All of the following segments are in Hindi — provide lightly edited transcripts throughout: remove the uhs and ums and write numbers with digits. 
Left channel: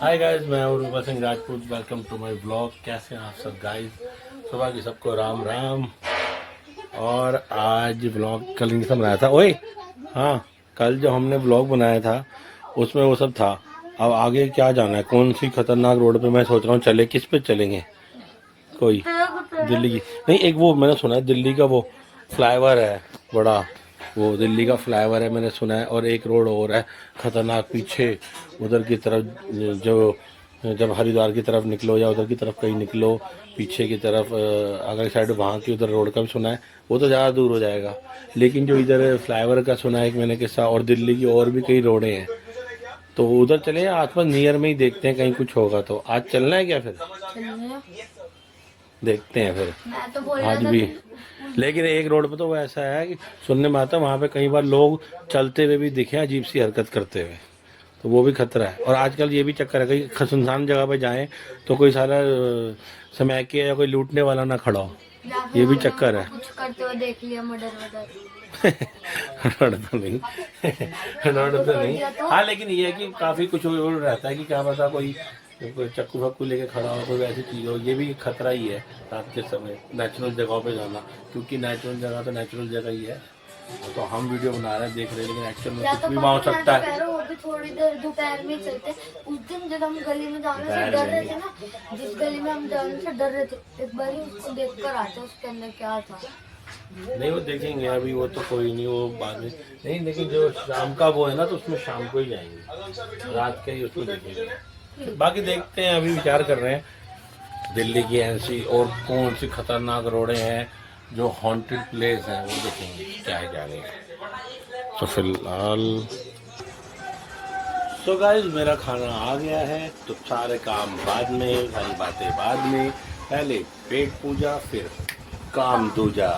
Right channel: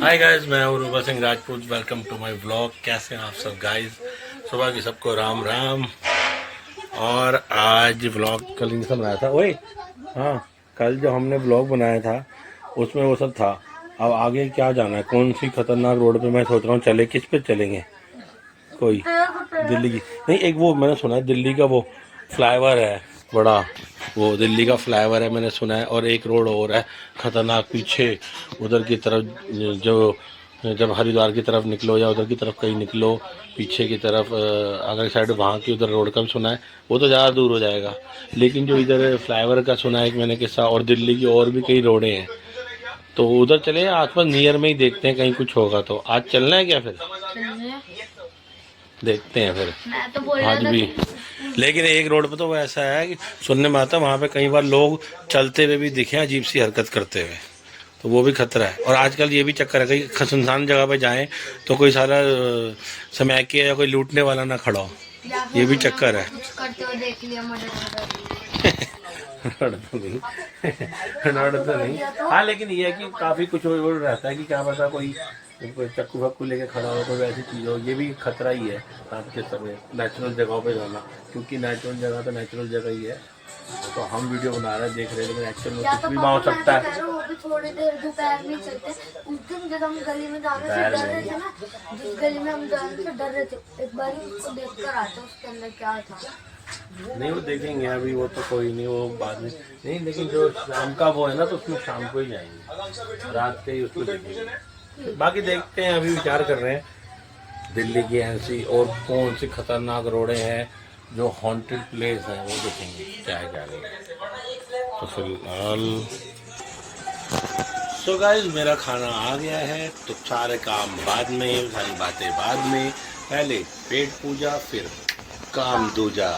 हाय गाइस, मैं हूं Ruba Singh Rajput. Welcome to my vlog. कैसे हैं आप सब गाइस? सुबह की सबको राम राम। और आज व्लॉग कल नहीं बनाया था। ओए हाँ, कल जो हमने व्लॉग बनाया था उसमें वो सब था। अब आगे क्या जाना है, कौन सी खतरनाक रोड पे मैं सोच रहा हूँ चले। किस पे चलेंगे? कोई दिल्ली की नहीं, एक वो मैंने सुना है दिल्ली का वो फ्लाईओवर है बड़ा, वो दिल्ली का फ्लाईओवर है मैंने सुना है। और एक रोड और है खतरनाक पीछे उधर की तरफ, जो जब हरिद्वार की तरफ निकलो या उधर की तरफ कहीं निकलो पीछे की तरफ अगली साइड, वहाँ की उधर रोड का भी सुना है। वो तो ज़्यादा दूर हो जाएगा, लेकिन जो इधर फ्लाईओवर का सुना है एक मैंने किस्सा। और दिल्ली की और भी कई रोडें हैं, तो उधर चले आसपास नियर में ही देखते हैं, कहीं कुछ होगा तो। आज चलना है क्या? फिर देखते हैं फिर। मैं तो बोल आज भी, लेकिन एक रोड पे तो वो ऐसा है कि सुनने में आता है वहाँ पे कई बार लोग चलते हुए भी दिखे अजीब सी हरकत करते हुए, तो वो भी खतरा है। और आजकल ये भी चक्कर है कहीं सुनसान जगह पे जाएं तो कोई सारा समय के या कोई लूटने वाला ना खड़ा हो, ये भी चक्कर है। कुछ करते हुए देख लिया मर्डर तो नहीं तो नहीं। हाँ, लेकिन ये है कि काफ़ी कुछ वो रहता है कि क्या पता कोई चक्कू फक्कू लेके खड़ा हो, कोई वैसी चीज़ हो। ये भी खतरा ही है रात के समय नेचुरल जगहों पे जाना, क्योंकि नेचुरल जगह तो नेचुरल जगह ही है। तो हम वीडियो बना रहे हैं, देख रहे हैं, लेकिन एक्चुअल में कुछ भी वहाँ हो सकता है। वो भी थोड़ी देर दोपहर में चलते। उस दिन जब हम गली में जाने से डर रहे थे ना, जिस गली में हम जाने से डर रहे थे, एक बार उसको देख कर आते उसके अंदर क्या था। नहीं, वो देखेंगे अभी, वो तो कोई नहीं, वो बाद में नहीं। लेकिन जो शाम का वो है ना, तो उसमें शाम को ही जाएंगे, रात के ही उसमें देखेंगे। बाकी देखते हैं, अभी विचार कर रहे हैं दिल्ली की ऐसी और कौन सी खतरनाक रोडें हैं जो हॉन्टेड प्लेस हैं, वो देखेंगे क्या है क्या नहीं। तो फिलहाल सो गाइस, मेरा खाना आ गया है, तो सारे काम बाद में, सारी बातें बाद में। पहले पेट पूजा, फिर काम दूजा।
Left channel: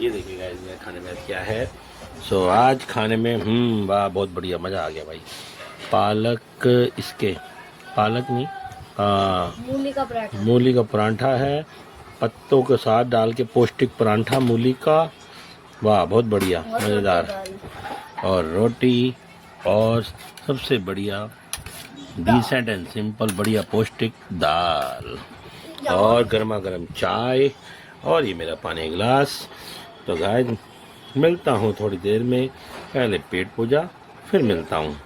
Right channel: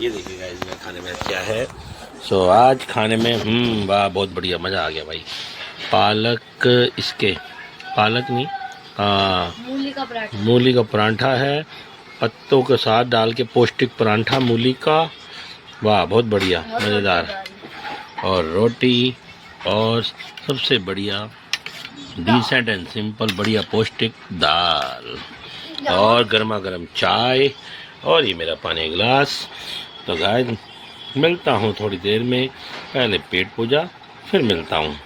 ये देखिए गाइस, मेरे खाने में क्या है। सो आज खाने में वाह, बहुत बढ़िया, मज़ा आ गया भाई। पालक, इसके पालक नहीं, मूली का परांठा है, पत्तों के साथ डाल के पौष्टिक परांठा मूली का। वाह, बहुत बढ़िया, मज़ेदार। और रोटी, और सबसे बढ़िया डिसेंट एंड सिंपल बढ़िया पौष्टिक दाल, और गर्मा गर्म चाय, और ये मेरा पानी गिलास। तो गाइस, मिलता हूँ थोड़ी देर में, पहले पेट पूजा फिर मिलता हूँ।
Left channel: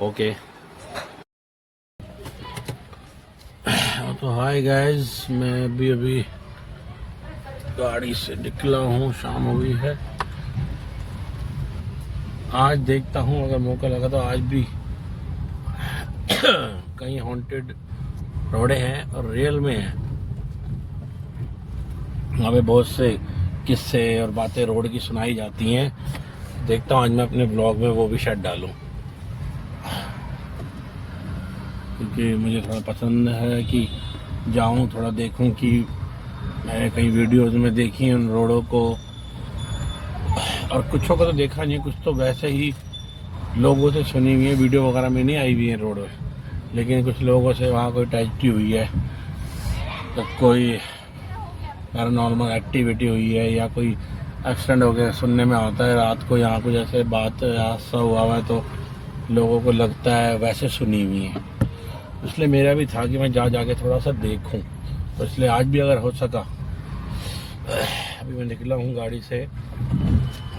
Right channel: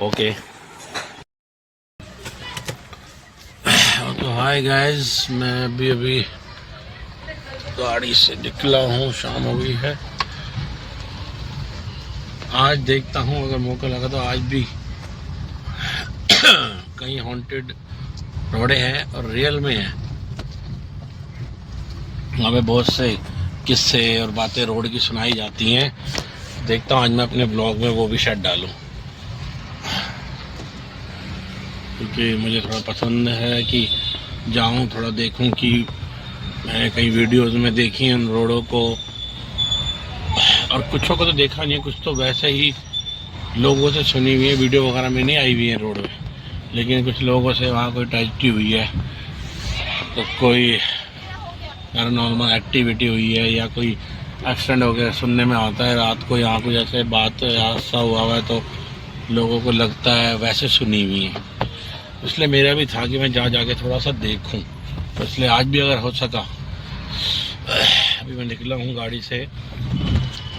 ओके। तो हाय गाइस, मैं अभी गाड़ी से निकला हूँ, शाम हो गई है। आज देखता हूँ, अगर मौका लगा तो आज भी कहीं हॉन्टेड रोडें हैं और रियल में हैं। हमें बहुत से किस्से और बातें रोड की सुनाई जाती हैं। देखता हूँ आज मैं अपने ब्लॉग में वो भी शायद डालूं, क्योंकि मुझे थोड़ा पसंद है कि जाऊं, थोड़ा देखूं कि मैंने कई वीडियोस में देखी हैं उन रोडों को, और कुछों को तो देखा नहीं, कुछ तो वैसे ही लोगों से सुनी हुई है, वीडियो वगैरह में नहीं आई हुई है रोड में। लेकिन कुछ लोगों से वहाँ कोई ट्रेजेडी हुई है, तो कोई पैरानॉर्मल एक्टिविटी हुई है, या कोई एक्सीडेंट हो गया, सुनने में आता है रात को यहाँ कुछ ऐसे बात हादसा हुआ है, तो लोगों को लगता है वैसे सुनी हुई है। इसलिए मेरा भी था कि मैं जाके थोड़ा सा देखूं, तो इसलिए आज भी अगर हो सका। अभी मैं निकला हूँ गाड़ी से,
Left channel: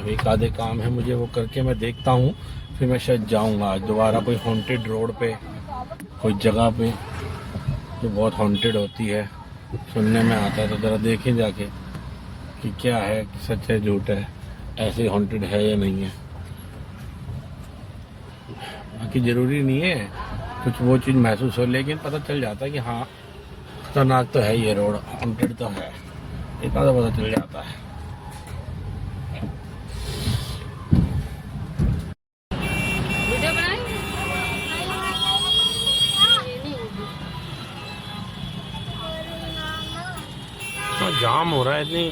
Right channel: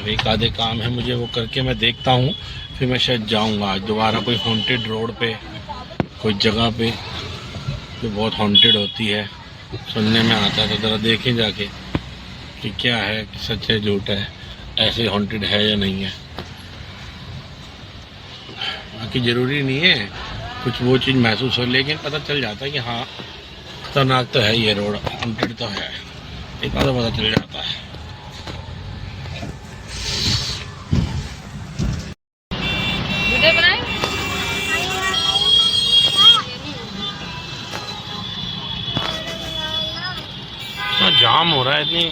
एक आधे काम है मुझे, वो करके मैं देखता हूँ, फिर मैं शायद जाऊँगा आज दोबारा कोई हॉन्टेड रोड पे, कोई जगह पे जो बहुत हॉन्टेड होती है, सुनने में आता है, तो ज़रा देखें जाके कि क्या है, कि सच है झूठ है, ऐसे हॉन्टेड है या नहीं है। बाकी ज़रूरी नहीं है कुछ वो चीज़ महसूस हो, लेकिन पता चल जाता है कि हाँ खतरनाक तो है ये रोड, हॉन्टेड तो है, एक बार पता चल जाता है। जाम हो रहा है, इतनी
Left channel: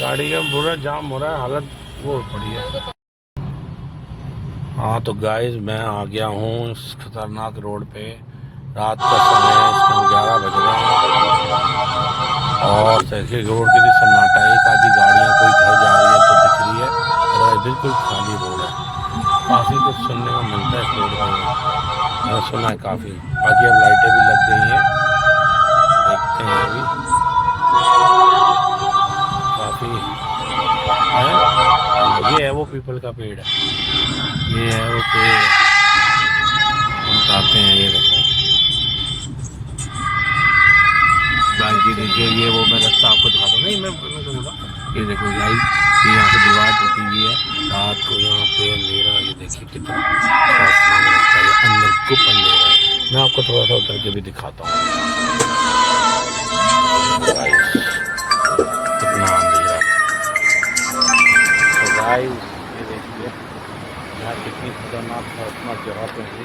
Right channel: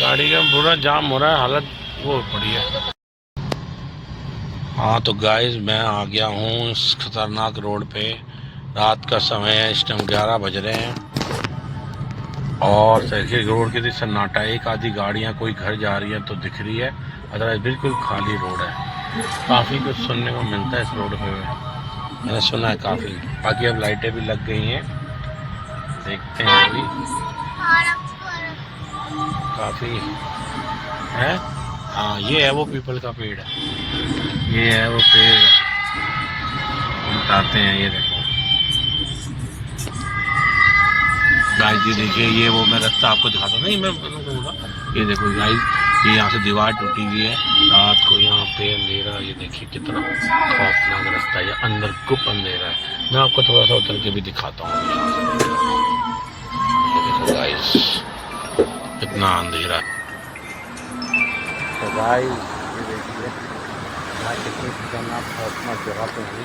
गाड़ी का पूरा जाम हो रहा है, हालत वो पड़ी है। हाँ तो गाइस, मैं आ गया हूँ इस खतरनाक रोड पे। रात का समय है, इस टाइम 11 बज रहे हैं, और देखिए रोड के लिए सन्नाटा, एक आधी गाड़ियाँ कोई घर जा रही है तो दिख रही अदरवाइज बिल्कुल खाली रोड है। काफ़ी कुछ सुनने को मिलता है इस रोड पर, मैंने सुना है काफ़ी। बाकी अब लाइटें भी लग गई हैं, देखते हैं अभी काफ़ी है। हाँ ये है वो पीपल का पेड़ है, ये है वो पेड़, बताते हैं। ये देखो गाइस, ये देखिए, ये वो मैं रास्ता आपको दिखाता हूँ। नहीं मैं बोलूँगा, ये देखो गाइस, ये यहाँ से दीवार टूटी हुई है, रात को यहाँ पे अंधेरा। ये देखिए कितना खौफनाक रास्ता है, ये अंदर गुप अंधेरा है। मैं आपको थोड़ा सा उतर के भी दिखाता हूँ गाइस, कितना अंधेरा है। तो गाइस ये देखिए यहाँ कितनी खतरनाक खौफनाक जगह पे है,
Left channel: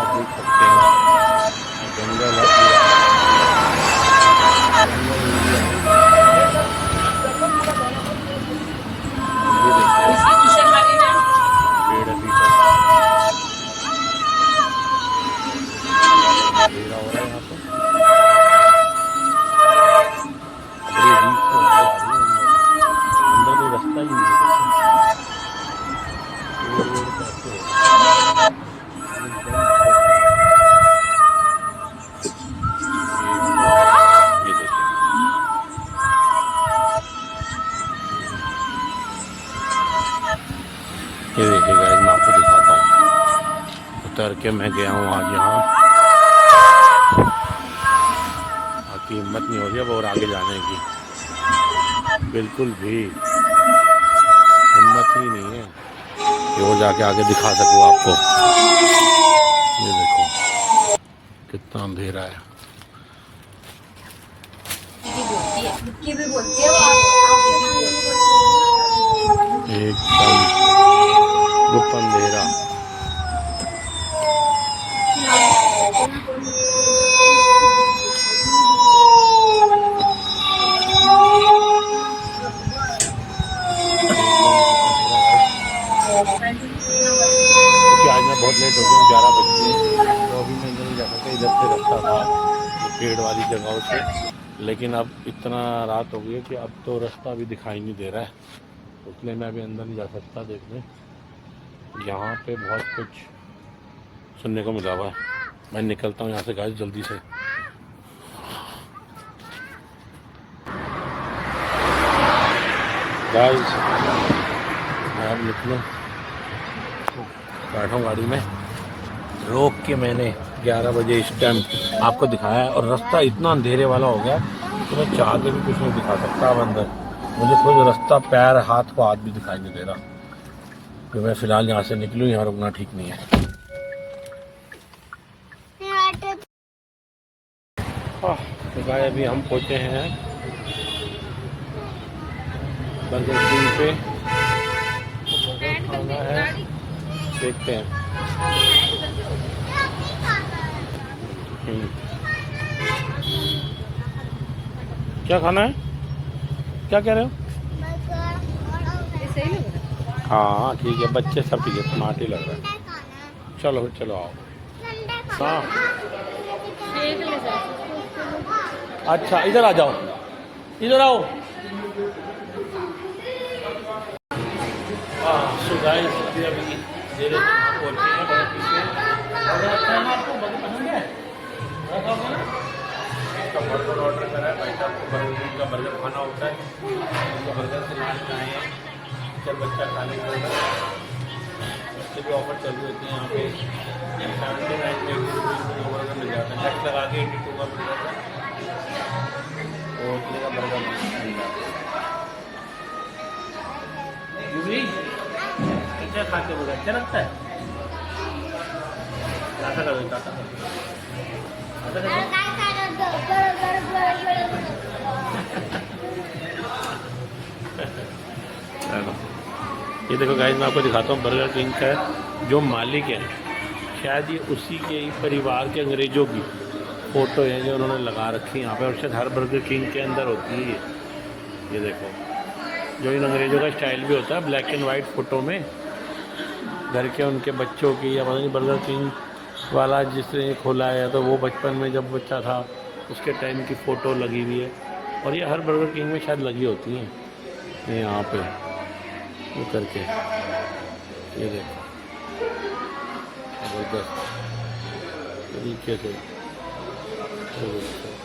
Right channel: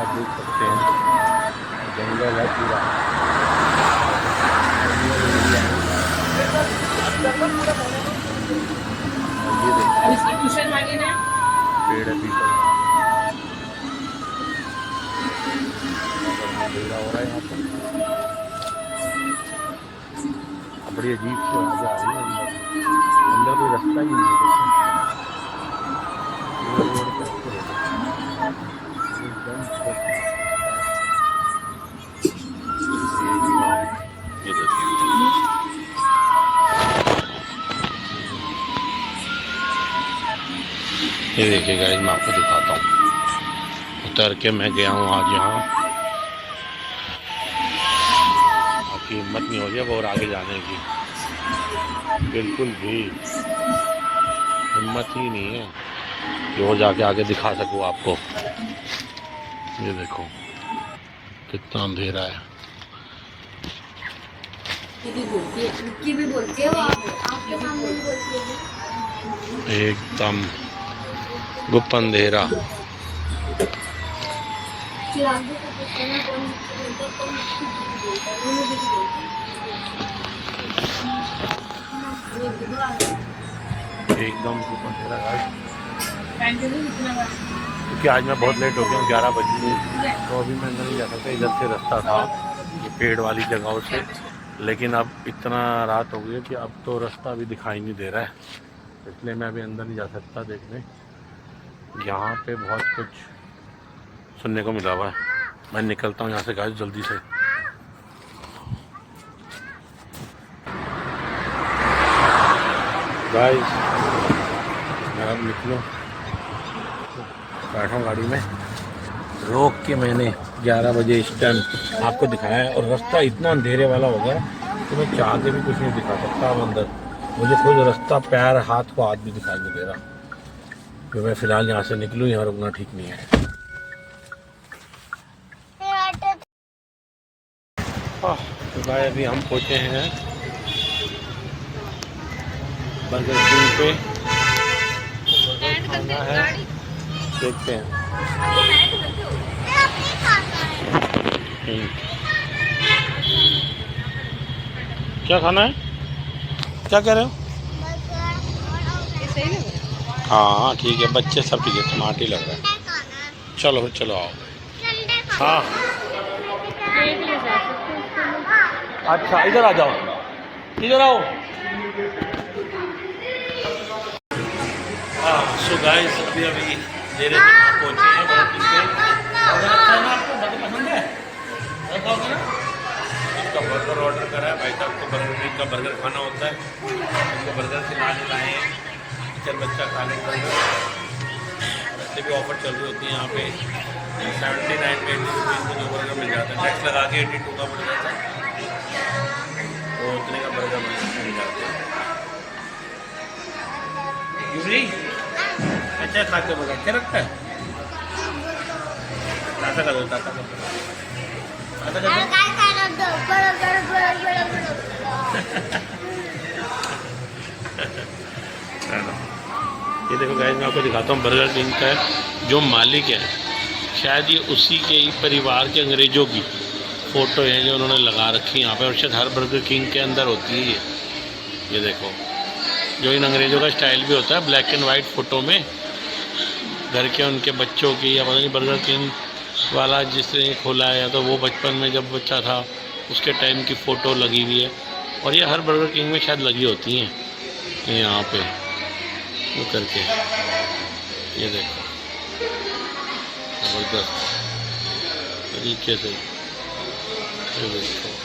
आप देख सकते हैं। जंगल है पूरा, जंगल एरिया है। ये देखिए पेड़ है पीपल का, अंधेरा हो रहा है यहाँ पर। बड़ी अजीब से आ रही है अंदर कोई रास्ता ही नहीं है। ये देखिए गाइस, मैं आपको दिखाता हूँ। उतर के मैं गया हूँ आज यहाँ, आपकी हिम्मत नहीं हो रही अब और आगे जाने की, बिल्कुल भी हिम्मत ही नहीं है कि वो जाके आगे दिखा सकूँ आपको। ये देखो कितना अंधेरा है, एकदम गुप्त अंधेरा। क्योंकि आज मैं बहुत लेट हो गया हूँ, 11 बज गए, तो अभी मैं अंदर नहीं जा सकता। इधर से रास्ता था पेड़ वाली जगहों से, लेकिन अब इतना रात हो गई है कि अब तो रास्ता भी दिखाई नहीं दे रहा है, इसलिए मैं अभी अंदर नहीं जा सकता देखने। यहाँ पे बहुत कुछ सुनने को मिला हुआ है। मैं निकलता हूँ यहाँ से गाइस जल्दी से। गाइस मैं अब निकलूँ, बैठा हूँ गाड़ी में, रोक के मैंने 11 बजे इस टाइम आपको दिखाया है, और रास्ता इतना अंधेरे वाला हो गया कि मैं चाह के भी कुछ नहीं दिखा सकता। अब अंदर मुझे कोई रास्ता, पैर हाथ को हाथ भी दिखाई नहीं दे रहा, तो मैं फ़िलहाल यहाँ से निकलूँ, यहाँ रुकना ठीक नहीं है। तो गाय अभी हम पहुँचे हैं बर्गर किंग पे, बर्गर खाना है, देखते हैं। क्या खाना है, क्या कह रहे हो? हाँ ठीक है, बच्चे सब ठीक है, स्मार्ट ही लग रहा है। चलो फिर चलो आओ। हाँ अच्छा इधर आ जाओ, इधर आओ। हाँ सो गाइस अभी देर से वहाँ पहुँचे हैं बहुत पीछे। खाना आपको पसंद है? इसका बर्गर ऑर्डर करा है भाई साहब को, बर्गर किंग का बर्गर खाना होता है, उनको बर्गर से लाने लाए हैं। टीचर बच्चा खाने का वैसे भी ऑफर चल रही होती है यहाँ पे। 79 में 80 रुपीज़ में 2 बर्गर मिल जाता है, टैक्स लगा के 82 का मिल जाता है, तो उतने का बर्गर मिल जाता है। यूरी अच्छा खाते बर्गर अच्छा लगता है, ताता कर दो, ताता कर दो, ताता कर दो। ये देखो गाइस, मैं आपको दिखाता हूँ बर्गर किंग का जो मालिक है, शायद ये उसी के ही परिवार के अंग्रेज़ों की फ़ोटो है जो उन्होंने लगा रखी है यहाँ पे, और शायद हर बर्गर किंग के अंदर होती है ये देखो, जो इन अंग्रेज़ों का स्टाइल भी होता है ब्लैक एंड वाइट फ़ोटो में, घर के उनके बच्चों की, या पता नहीं बर्गर किंग वाला जिसने खोला है, या तो वो बचपन में जब बच्चा था उसके टाइम की फ़ोटो लगी हुई है, और ये हर बर्गर किंग में शायद लगी होती हैं यहाँ पे। वो करके ये देखो ज़बरदस्त तरीके से ये देखो।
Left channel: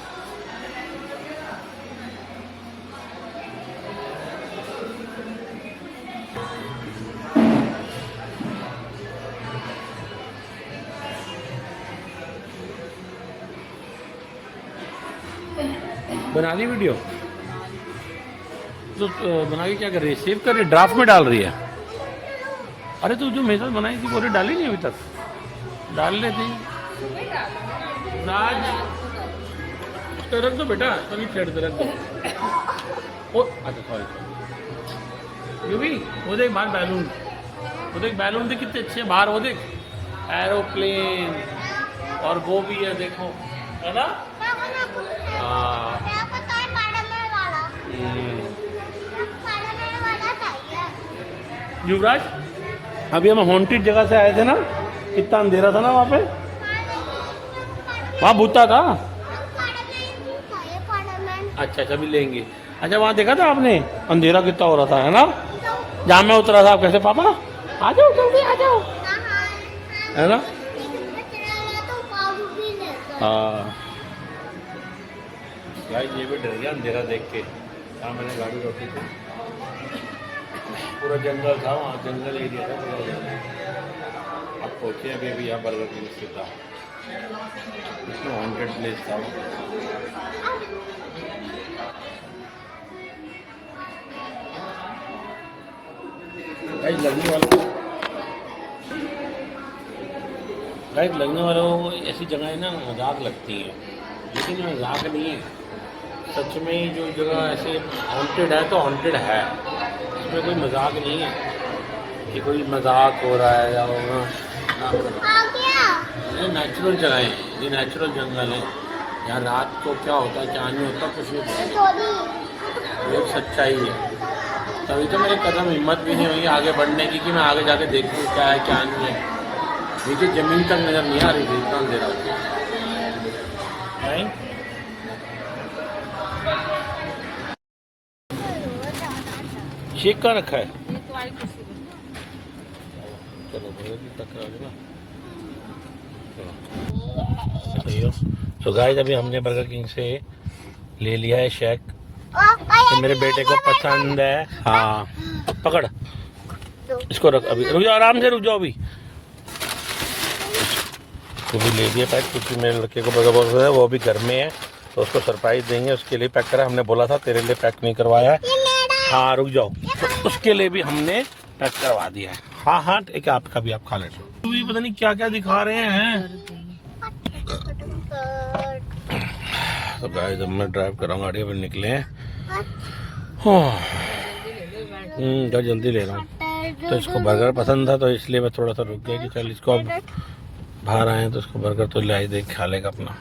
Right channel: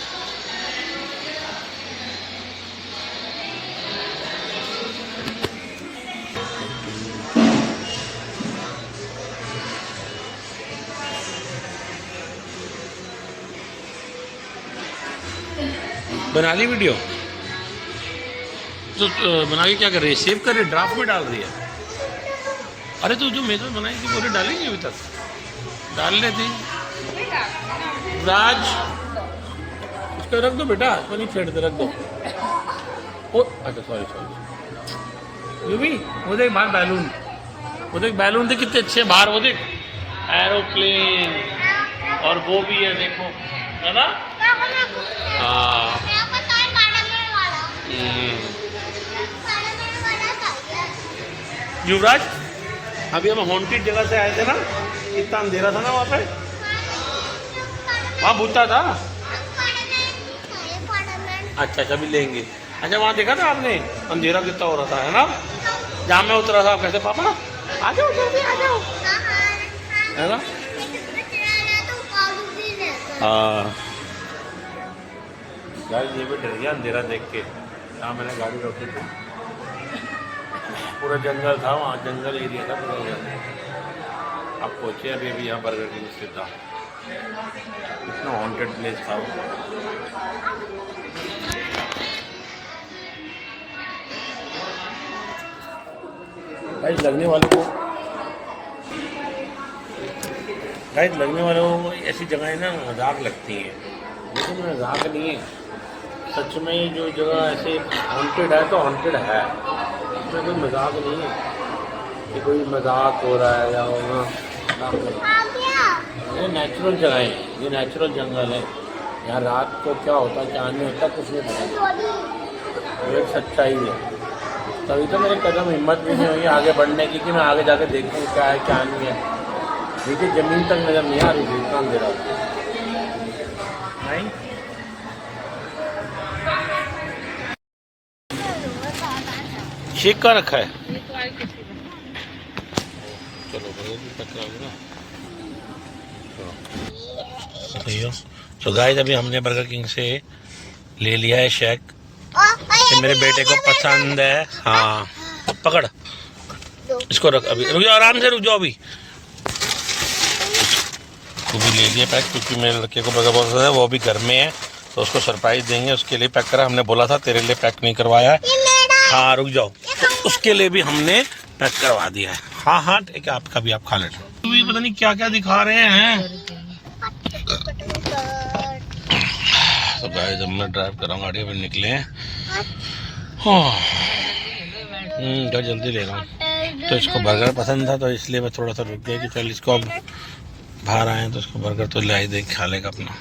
बना ली वीडियो तो बना के क्या कर रही है? सेव कर रही है, ड्राफ्ट में डाल रही है। अरे तो जो मेरे बनाई थी वो डाली नहीं अभी तक, डाल लेती। राज उसको रख दो बेटा, तो नहीं छेड़ दे, रख दो। ओ अच्छा सॉरी ये भी वो देख बाहर बैलून, वो देख बैलून देख कितने अच्छे बाहर, वो देख एरोप्लेन और वो भी है देखो, है ना? हाँ युवराज अभी हम हॉन्टेड जगह से आए थे ना, कितना अंधेरा था ना वहाँ पे, वहाँ भूता था। अच्छा अच्छा भी लेंगे। अच्छा वहाँ देखा था आपने अंधेरा कितना हो रहा था, है ना? जहाँ मैं उतरा था कैसे पापा आ जाओ जल्दी आ जाओ, है ना? हाँ गाइस ये भी डर गया अंधेरा देख के। यहाँ मैंने गाड़ी रोकी थी, पूरा जंगल था वहाँ, जंगल एरिया था पूरा उधर। अब पहुँचे अभी अभी यहाँ बर्गर किंग स्थित था, इतना हॉन्टेड प्लेस था वो। गाइस लगने वालों को ऐसी जगहें ना मजाक लगती हैं, लेकिन मजाक नहीं है, सच में ही जो जगह ऐसे हॉन्टेड है तो हॉन्टेड है, इसमें कोई मजाक नहीं है कि कोई मजाक हो रहा है या होगा ना करो। ये नेचुरल जगह है, ये नेचुरल जंगल है। यहाँ रात को क्या होता है क्या नहीं होता कुछ नहीं पता, ये सच्चाई है। तभी तो मेरे कदम हिम्मत भी नहीं हुई आगे बढ़ने की कि मैं आगे जाके देखूँ क्या है क्या नहीं है। नीचे जमीन तक नजर नहीं आ रही थी, इतना अंधेरा नहीं। शेक का रखा है, चलो तो गाइस अभी हमने बर्गर किंग से ले लिया है शेक, तो मेरे बेटे को पसंद है। हाँ पकड़ इसको, रख अभी रुक जाओ, आराम से रुक जाओ, अभी वो भी ले लिए पैक, क्योंकि मेरे लड़के को बर्गर बहुत पसंद है, वो भी घर में है तो उसको सरप्राइज देंगे, उसके लिए पैक करा। हमने बोला था तेरे लिए पैक नहीं करवाया है। हाँ रुक जाओ, तो उसके लिए भी हमने पैक करवा दिया है। हाँ हाँ ठीक है, आपका भी आप खा लेना। तो भी पता नहीं क्या क्या दिखा रहे हैं। तो गाइस जब मैं ड्राइव कर रहा हूँ गाड़ी, अभी निकले हैं, जल्दी ले रहा हूँ। तो इसको बर्गर पसंद था तो इसलिए मैं थोड़ा सा रुक गया कि चल इसको अब बाहर आए तो इसको बर्गर तो लाई दे, खा लेगा अपना।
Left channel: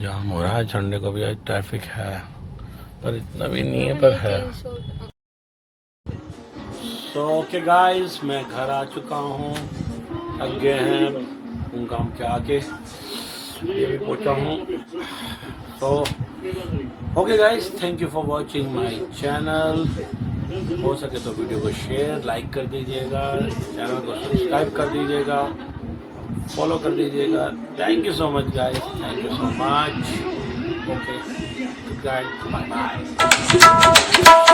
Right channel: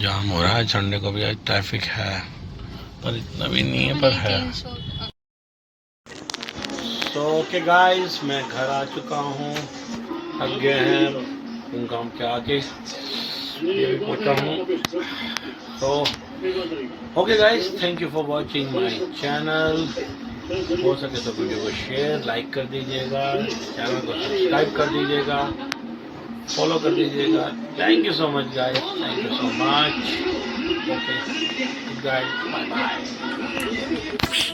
जाम हो रहा है संडे को भी, आज ट्रैफिक है पर इतना भी नहीं है, पर है। तो ओके गाइस मैं घर आ चुका हूँ, थक गए हैं काम के आके, ये भी पहुँचा हूँ। तो okay guys, thank you for watching my channel. हो सके तो वीडियो को शेयर लाइक कर दीजिएगा, चैनल को सब्सक्राइब कर दीजिएगा, फॉलो कर दीजिएगा। Thank you so much guys, thank you so much. Okay good guys, bye bye.